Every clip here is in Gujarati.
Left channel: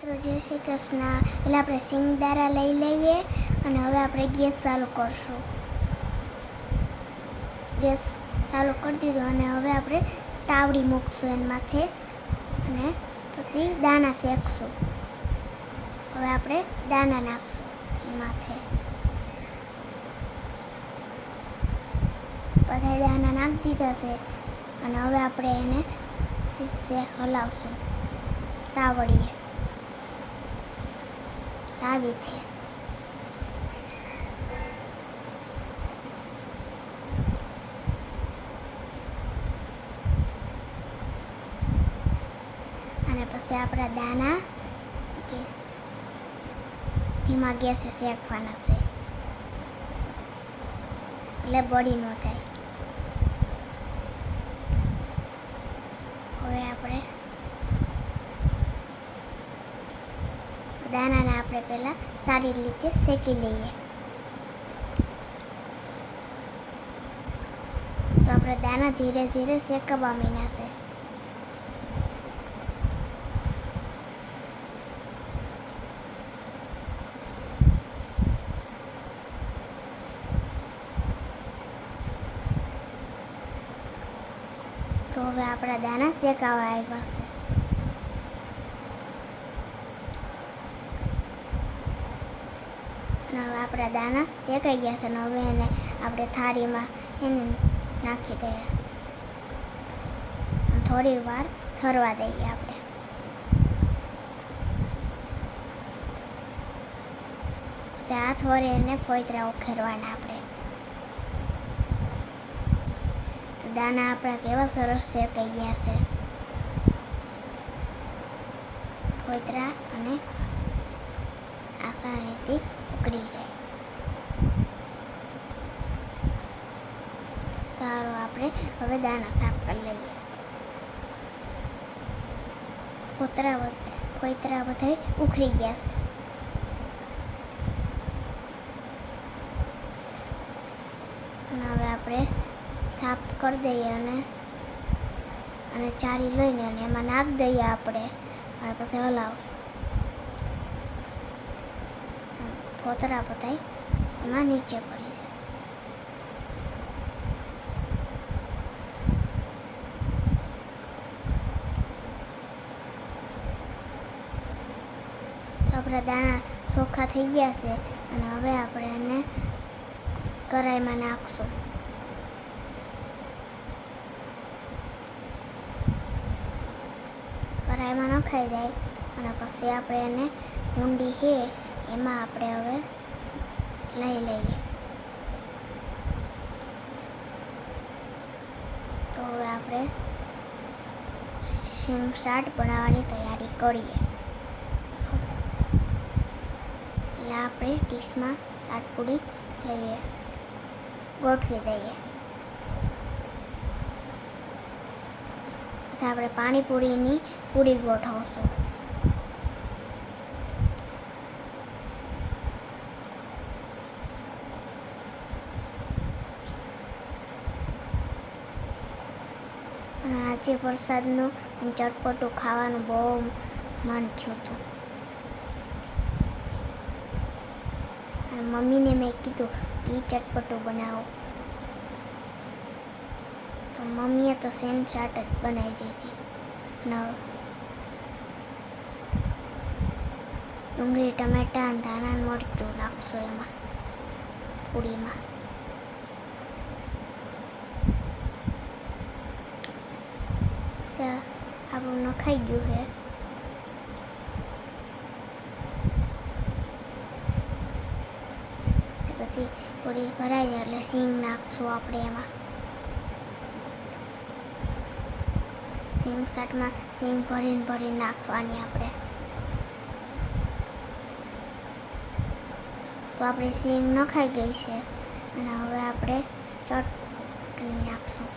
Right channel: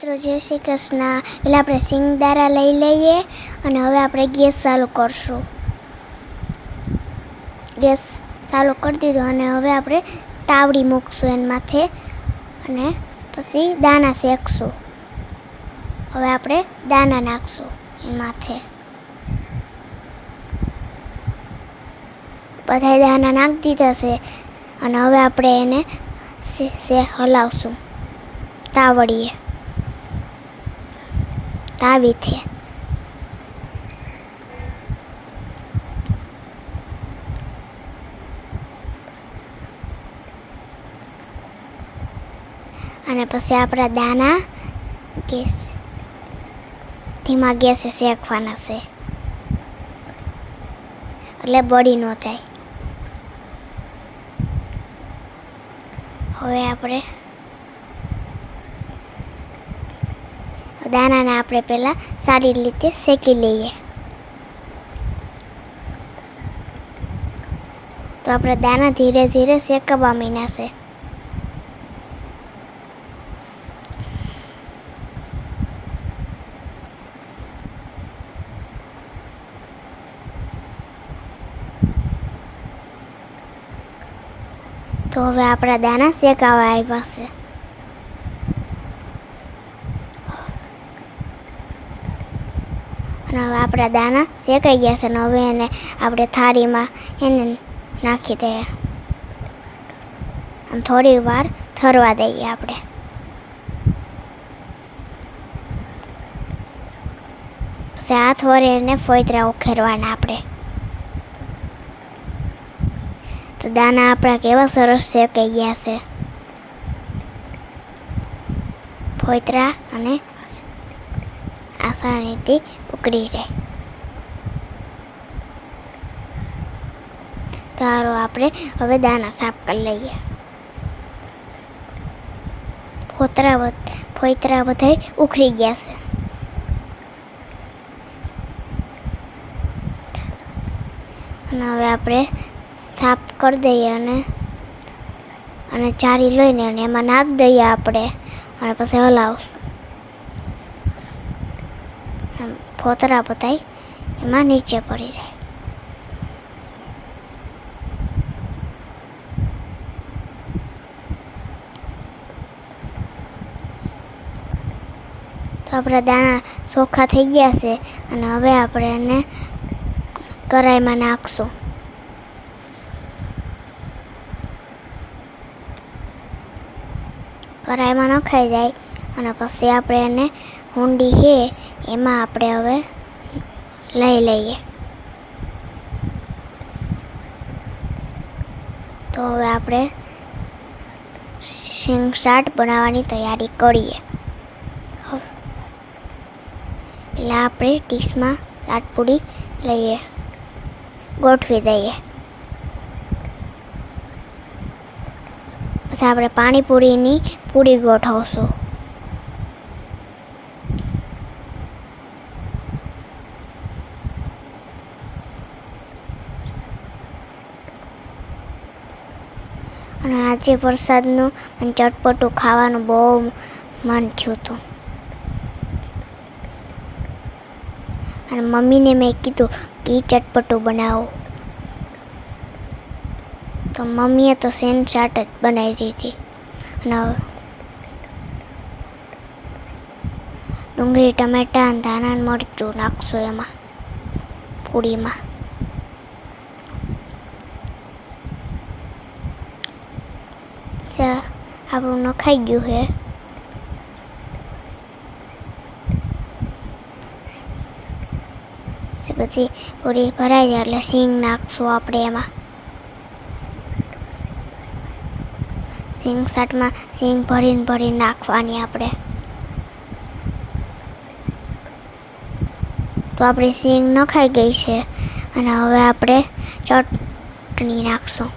મિત્રો જય શ્રી કૃષ્ણ. પહેલાં આપણે સિંગદારા લઈ લઈએ અને હવે આપણે ગેસ ચાલુ કરશું. ગેસ ચાલુ કરી દીધો અને હવે આપણે તાવડી મૂકશું એના માથે અને પછી દાણા શેકશું. હવે આપણે દાણા નાખશું એના માથે. બધા દાણા નાખી દીધા છે અને હવે આપણે એને હલાવશું તાવડીએ તાવીથી. અને પછી આપણા દાણા ધીમા ગેસે શેકવાના છે એટલે બળી ન જાય. હવે આપણે દાણાને આપણે પહેલાં સારી રીતે શેકી લઈએ. તો આપણે દાણા ધીરે ધીરે શેકવા માંડ્યા છે. તો હવે આપણા દાણા શેકાવા આવ્યા છે. અને હવે આપણા દાણા શેકાઈ ગયા છે અને હવે એને આપણે થાળીમાં એને નાખી દઈએ અને થોડી વાર ઠરવા દઈએ આપણે. પછી હાથ વડે એને ફોતરા ઉખેરવાના આપણે. તો દાણા આપણા કેવા સરસ શેકાઈ ગયા છે. ફોતરા અને આસાનીથી ઉકળી જાય. તો આપણે હવે દાણા સાફ કરી લઈએ. ફોતરા બધા ઉખડી ગયા છે. અને હવે આપણે સાફ કરી દઈએ અને ચારી લઈને અને એમાં નાખી દઈએ આપણે અને પછી હલાવશું. ફોતરા બધા એમાં નીચે પડી જાય. તો આપણા દાણા ચોખ્ખા થઈ ગયા છે અને હવે આપણે એને કઢાઈમાં નાખશું. કઢાઈમાં નખાઈ જાય અને પછી આપણે એને હુંડી છે એમાં આપણે હવે લઈ લઈએ. તો હવે આપણે સિંગ ચાટ બનાવવાની તૈયારી કરીએ. પહેલાં આપણે ડીશમાં ચાટ પૂરી લઈએ, ગોઠવી દઈએ. પછી આપણે પાણીપુરીની પૂરી ગોઠવશું. અને આજે વરસાદનું અને ચટપટું ખાવાનું બહુ મન થયું હતું. અને મમ્મીને મેં કીધું કે ચટપટું બનાવો. તો મમ્મીએ તો સેન ચાટ જ બનાવી દીધી. અને ડુંગળી ટમેટા અને ધાણા મરચું નાખશું એમાં પૂરીમાં. આપણું નખાઈ ગયું છે. બધી પૂરી ભરાઈ જાય એટલે સિંગ નાખશું આપણે એમાં. સિંગ ચાટમાં સિંગ ભરીને નાખવાની આપણે. તો આપણી સિંગ નખાઈ ગઈ છે અને હવે આપણે ચટણી નાખશું.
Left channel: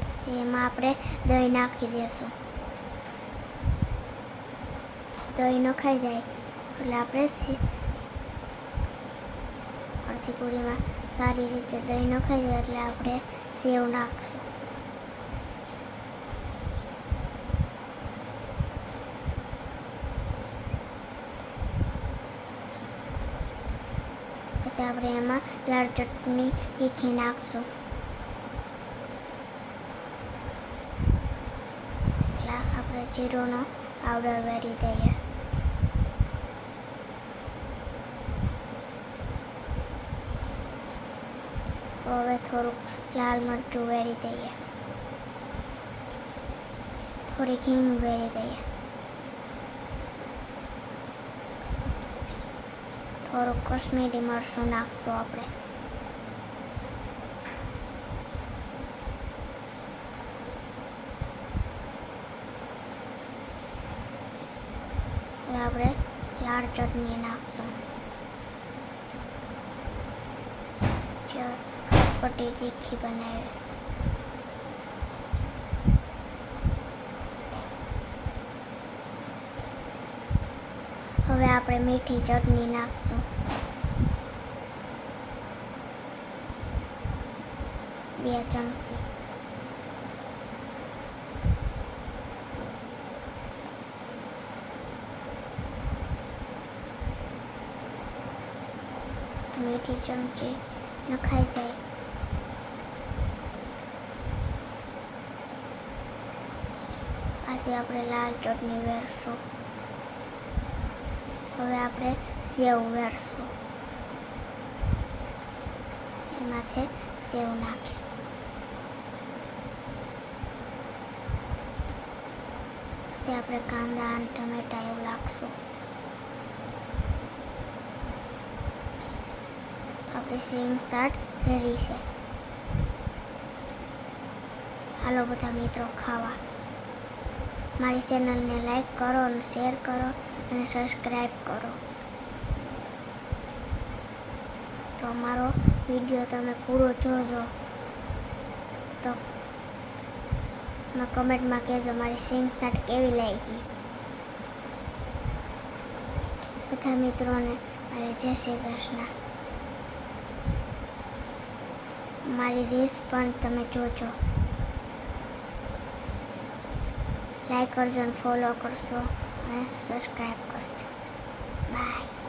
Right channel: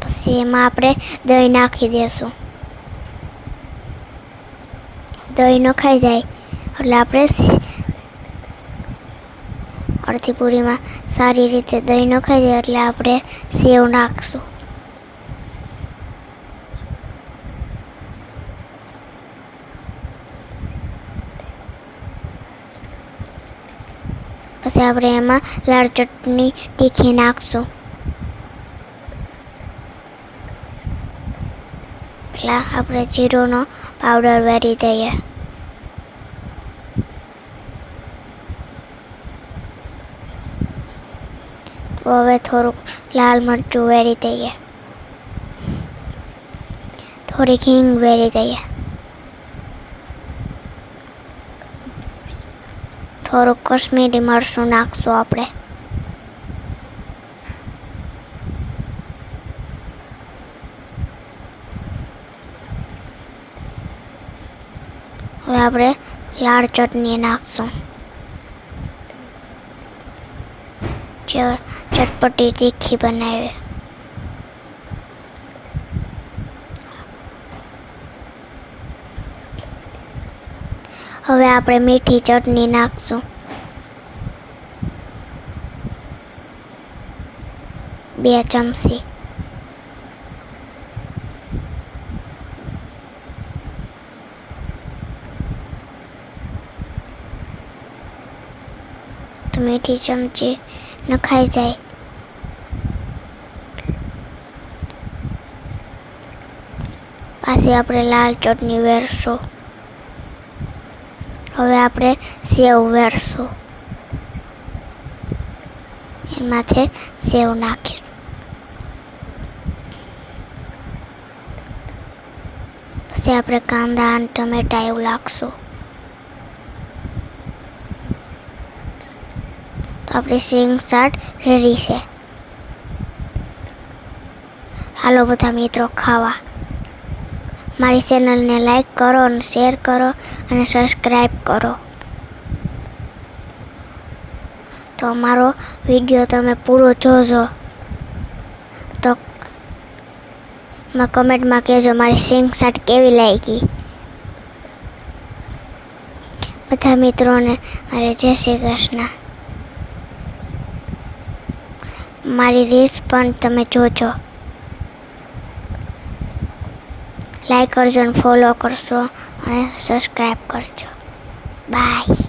પછી એમાં આપણે દહીં નાખી દઈશું. દહીં નખાઈ જાય એટલે આપણે અડધી પૂરીમાં સારી રીતે દહીં નખાઈ જાય એટલે આપણે સેવ નાખશું. પછી આપણે એમાં લાલ ચટણી તીખી નાખશું. પહેલાં આપણે જીરુંનો પાવડર વેરી દઈએ. હવે થોડુંક લાલ મરચું વેરી દઈએ. થોડીક હિંગ વેરી દઈએ. થોડુંક કશ્મીરી મરચું નાખશું આપણે. હવે આપણે લાલ ચટણી નાખશું. જે ચટપટી તીખી બનાવે. હવે આપણે મીઠી ચટણી નાખશું. 2 ચમચી. તો મીઠી ચમચી નખાઈ જાય. પાછી આપણે લાલ ચટણી વેરશું. હવે આપણે સેવ વેરશું. એમાંથી સેવ નાખીશું. પછી આપણે કાંદા અને ટમેટા એવું નાખશું. તો આપણી સિંગ ચાટ રેડી છે. હાલો બધા મિત્રો ખાવા. મારી ચેનલને લાઈક કરો અને શેર કરો અને સબસ્ક્રાઈબ કરો. તો અમારો વિડીયો તમે પૂરો જોજો. તો કમેન્ટમાં કહેજો મારી સિંગ ચાટ કેવી લાગી. બધા મિત્રોને મારે જય શ્રી કૃષ્ણ. મારી રીલ્સ પણ તમે જોજો. લાઈક કરજો અને ફોલો કરજો અને સબસ્ક્રાઈબ કરજો. બાય.